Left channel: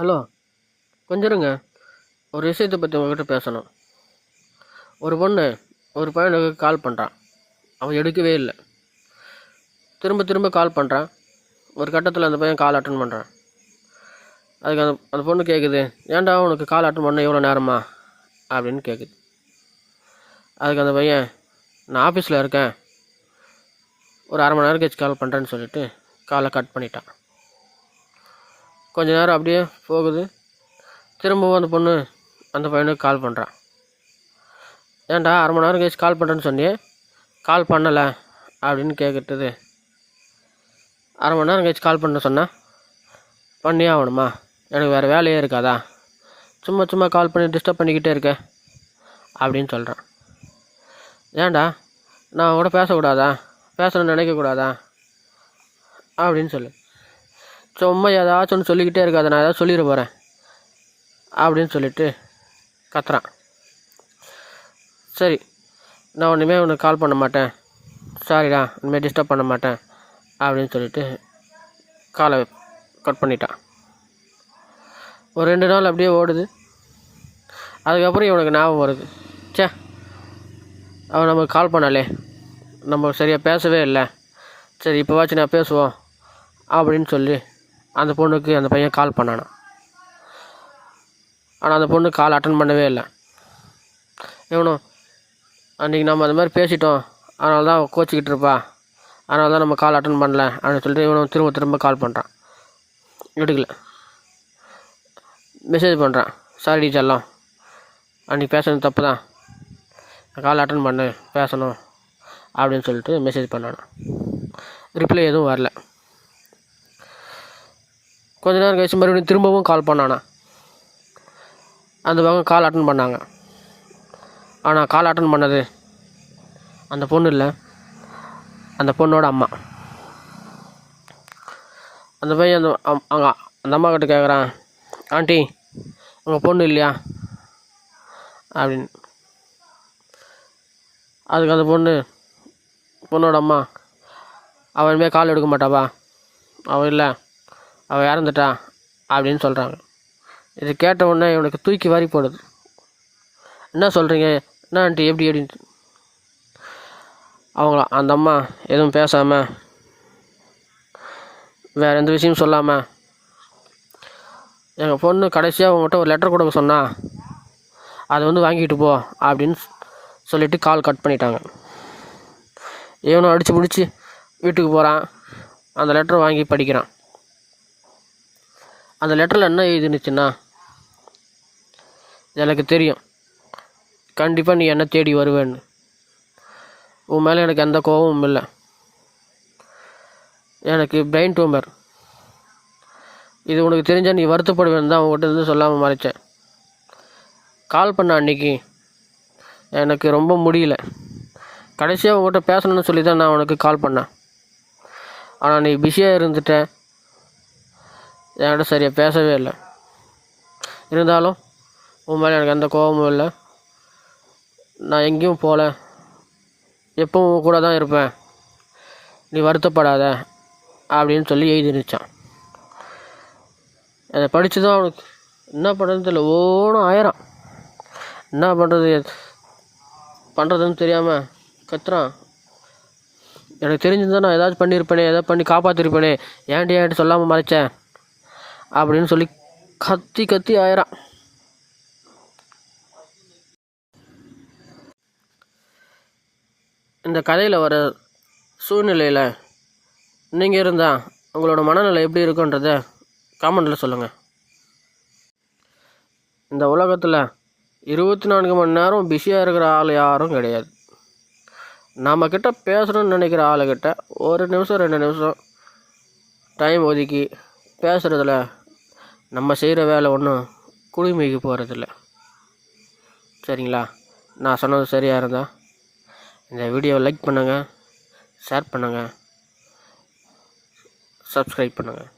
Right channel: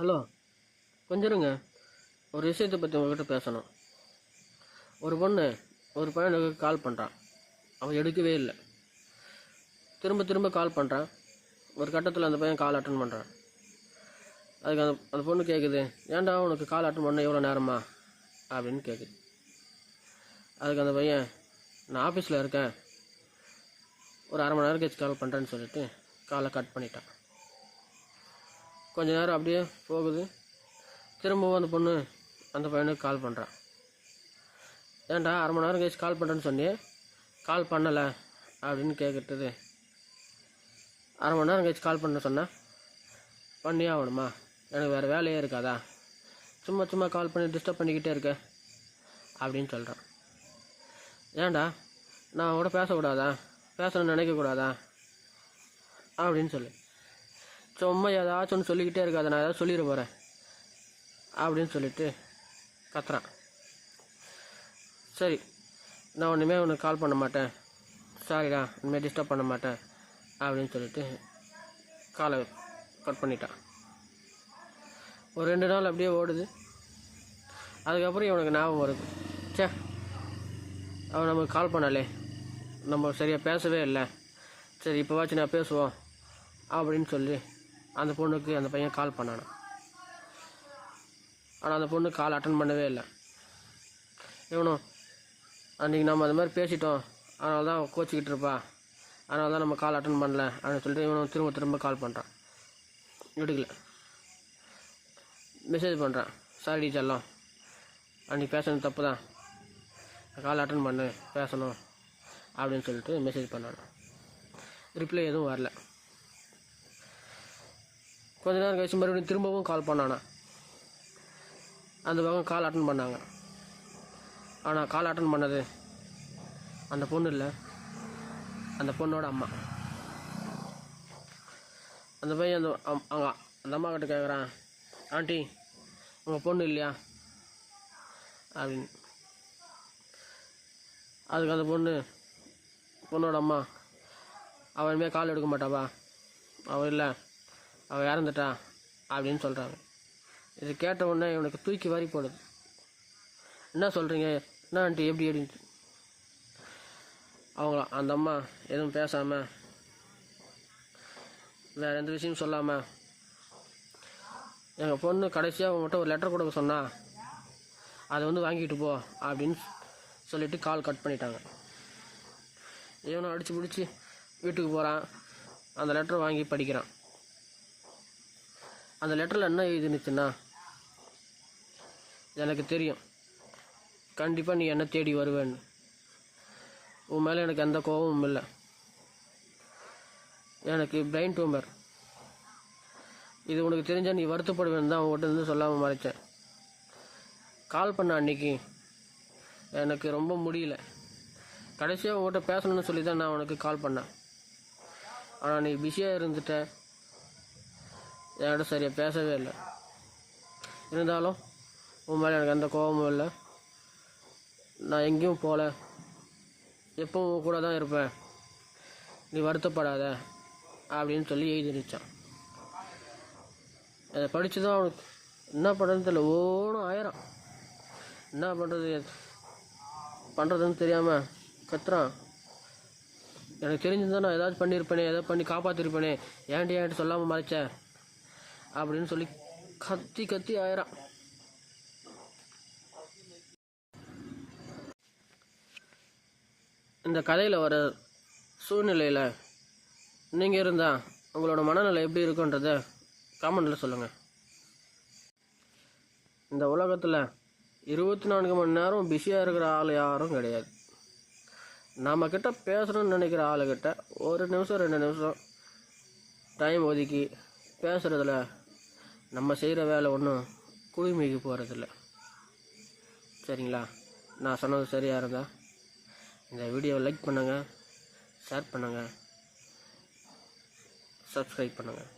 Hello, கொஞ்சம் இருங்க. ஒரு விஷயத்தை பற்றி உங்ககிட்ட பேசணும். ஒரு பொண்ணு ஒரு பையனுக்கு கால் பண்ணுறான். அவன் எடுக்கவே இல்லை. திரும்ப திரும்ப கால் பண்ணுறான். ஒரு கட்டத்தில் அந்த பையன் கால் அட்டன் பண்ணுறான். அதுக்கு அந்த பொண்ணு கேட்குது, ஏன்டா உனக்கு கால் அட்டன் பண்ண எவ்வளோ நேரமா அப்படின்னு கேட்குது. அதுக்கு அந்த பையன், நான் ஆஃபீஸில் இருக்கேன், ஒரு அரை மணி நேரம் கழிச்சு கால் பண்ணுறேன்னு சொல்லிட்டு காலை கட் பண்ணிட்டான். கொஞ்ச நேரம் அப்படியே போகுது. திரும்பவும் அந்த பொண்ணு அந்த பையனுக்கு கால் பண்ணுறான். ஏன்டா அரை மணி நேரம் கழிச்சு கால் பண்ணுறேன்னு சொன்னியே, கால் பண்ணலை அப்படின்னு கேட்குறது. அரை மணி நேரம் கழிச்சு கால் பண்ண சொன்னால் பண்ணியே ஆகணுமா? எனக்கு வேறு வேலையே இருக்காதா? சும்மா சும்மா கால் பண்ணி டிஸ்டர்ப் பண்ணிக்கிட்டே இருக்க அப்படின்னு சொல்கிறான். ஏன்டா நான் கூட பேசக்கூடாதா, பேசணும்னு நினைக்கக்கூடாதா அப்படின்னு சொல்லு. சும்மா ஏதாச்சும் ஒன்று சொல்லிக்கிட்டே இருக்காத, நான் ஏதாவது சொல்லிட போகிறேன் அப்படின்னு சொல்லிட்டு கத்துறான். சரி, நான் இனிமேல் உனக்கு கால் பண்ண மாட்டேன், சாரிடா, இனிமேல் டிஸ்டர்ப் பண்ண மாட்டேன் அப்படின்னு சொல்லிட்டு காலை கட் பண்ணிட்டான். ஒரு 2 நாள் அப்படியே ஓடுது. அதுக்கப்புறம் இவனுக்கு ஞாபகம் வருது, சே அவன் நமக்கு கால் பண்ணாலே, நம்ம சரியாக பேசவே இல்லை, சரி இப்போவாச்சும் நான் பேசுவோம் அப்படின்னு சொல்லி அந்த பொண்ணுக்கு அந்த பையன் கால் பண்ணானான். ஆனால் அந்த பொண்ணு கால் அட்டன் பண்ணவே இல்லை. இவனும் அன்றைக்கி நம்ம அது மாதிரி பேசிட்டோம், அதனால தான் கோச்சிக்கிட்டு இருப்பா, அதனால தான் நம்ம கால் அட்டன் பண்ணல அப்படின்னு சொல்லிட்டு இவனும் திரும்ப திரும்ப கால் பண்ணுறான். எடுக்கல. மெசேஜ் பண்ணுறான், சாரி செல்லம், அன்றைக்கி பேசுறது தப்பு தான், கால் அட்டன் பண்ணு, பேசணும் அப்படின்னு சொல்லிட்டு மெசேஜ் பண்ணானான். ரிப்ளை எதுவும் வரல. கொஞ்ச நேரம் கழிச்சு மறுபடியும் திரும்பவும் கால் பண்ணானா. அந்த பக்கம் கால் அட்டன் பண்ணாங்க. ஆனால் கால் அட்டன் பண்ணது அந்த பொண்ணு இல்லை, அந்த பொண்ணோட அம்மா. அந்த பையன் அந்த அம்மா கிட்ட கேட்குறான், ஆண்டி உங்கள் பொண்ணு இல்லையா அப்படின்னு. அதுக்கு அந்த பொண்ணோட அம்மா, அவன் இனிமேல் கால் எடுக்க மாட்டாப்பா, அவன் இல்லை, அவள் இறந்துட்டா அப்படின்னு சொல்கிறாங்க. இது கேட்ட உடனே இவனுக்கு தூக்கி வாரி போடுது. என்ன சொல்கிறீங்க, என்ன ஆண்டி, எப்படி அப்படின்ட்டு. அந்த அம்மா எதுவும் பேசாமல், வேறு எந்த விஷயமும் சொல்லாமல், எங்கள் பொண்ணு கடைசியாக உங்கள்கிட்ட ஒரு லெட்டர் கொடுக்க சொன்னா, அதை வாங்கிட்டு போ அப்படின்னு சொல்லிவிட்டு கால் கட் பண்ணிட்டாங்க. இவனும் அடித்து பிடிச்சி வீட்டுக்கு போகிறான். அந்த லெட்டரை வாங்கி படிக்கிறான். அந்த லெட்டரில் என்ன எழுதினுச்சுன்னா, எனக்கு தெரியும் கண்டிப்பாக நீ என்ன தேடி வருவேன்னு, உன் மேலே எனக்கு எந்த கோபமும் இல்லை, எனக்கு பிரெயின் டியூமர், இது உனக்கு தெரிஞ்சால் நீ வருத்தப்படுவேன்னு தான் உங்கள்கிட்ட இருந்து சொல்லாமல் மறைச்சேன். கால் பண்ண அன்றைக்கி எனக்கு ரொம்ப முடியல, கடைசியாக உங்கள்கிட்ட பேசணும்னு சொல்லி தான் நான் உனக்கு கால் பண்ணேன். ஆனால் நீ பிஸியாக இருந்துட்ட, என்கிட்ட சரியாக பேசவே இல்லை. இருந்தாலும் உன் மேலே எனக்கு எந்த கோபமும் இல்லை, நான் எங்கேயும் போகல, எப்பவும் கூட தான் இருப்பேன், நீ வருத்தப்படாத அப்படின்னு சொல்லி எழுதிருச்சான். அதை படித்து தான் அவனுக்கு என்ன பண்ணுறதுன்னு தெரியல, ஓனும் ஆயிரம், என்ன பண்ணுறதுன்னு தெரியாமல் கத்துறான். எனக்கு தெரிஞ்சிருந்தா நான் ஏதாச்சும் பண்ணியிருப்பேனே, ஏதாவது பண்ணி காப்பாற்றிருப்பேனே, ஏன்ட்டு சொல்லாமல் மறைச்சேன் அப்படின்னு சொல்லி கத்தி கத்தி ஆயிரான். இந்த கதையில் வர சூழ்நிலையில் நீங்கள் இருந்தால் உங்களோட மனநிலை எப்படி இருக்குன்றத காமெண்டில் சொல்லுங்கள். இந்த உலகத்தில் 24 மணி நேரம் பிஸியாக இருக்கிற ஆள் யாரும் கிடையாது. நம்மக்கிட்ட பேசணும்னு நினைக்கிற ஆளுக்கிட்ட 1 நிமிஷம் 2 நிமிஷம் டைம் ஒதுக்கி பேசுகிறதுல நம்ம செய்கிற வேலை ஒன்றும் குடிமைக்கு போகிறதில்ல. சரிங்களா? நான் சொன்னது சரியாக இருந்தால் இந்த வீடியோவை லைக் பண்ணுங்கள், ஷேர் பண்ணுங்கள், சப்ஸ்கிரைப் பண்ணுங்கள்.